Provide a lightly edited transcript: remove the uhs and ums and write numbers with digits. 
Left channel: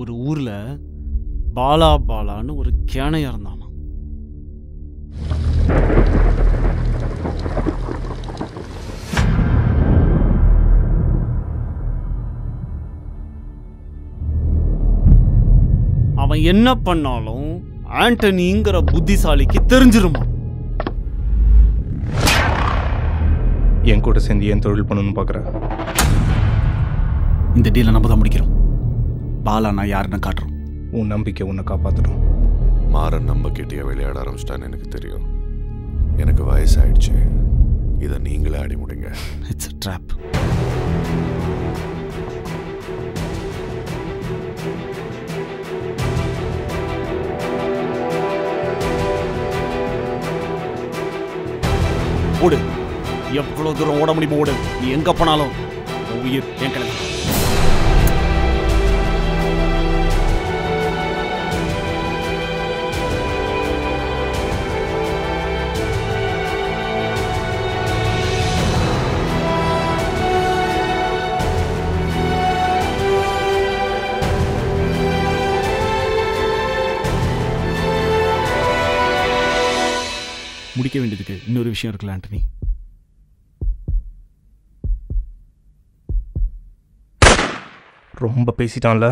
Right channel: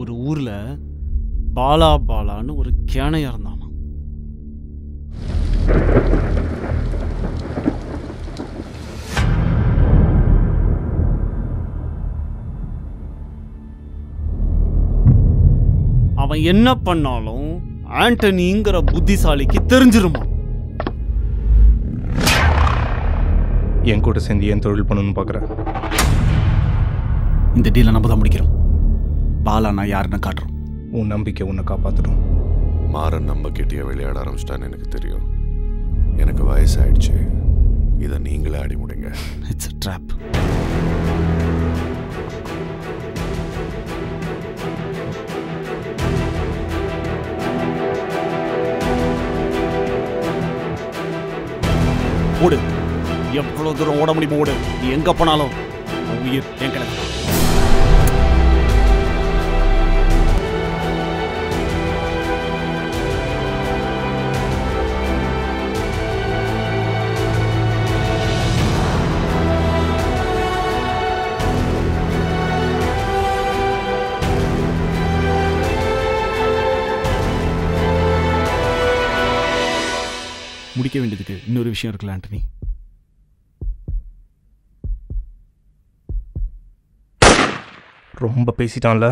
ஒரு ஊர்ல பாலா பாலான்னு ஒரு கேனையா இருந்தானா. அவன் என்ன பண்ணாலும் ஆண்டனிங்கிற புத்திசாலிக்கு தெரிஞ்சிருமா. என் கூட சேர்ந்து ஏன் தொழில் பண்ணணும்னு பார்க்குறேன். இந்த டீலை நம்ம தான் முடிக்கிறோம். பாலா நான் யாருன்னு காட்டுறோம். உன் நம்பிக்கை உன்னை காப்பாற்றணும். மாறன் நம்பிக்கைட்டியா விளையாட ஆரம்பிச்சிட்டான்னு எனக்கு தெரியும். எனக்கு வயசாயிடுச்சு. இதை நீங்களே ஆடி முடிங்க. It's a trap. ஓடு, எவ்வளவு தூரம் ஓட முடியுமோ ஓடு. நீ எங்க போனாலும் உயிர் என் கையில தான். முடிக்க வேண்டியதுக்கு இன்னொரு விஷயம் இருக்குல்ல ஆண்டனி. ரொம்ப பேசிட்டான்ல.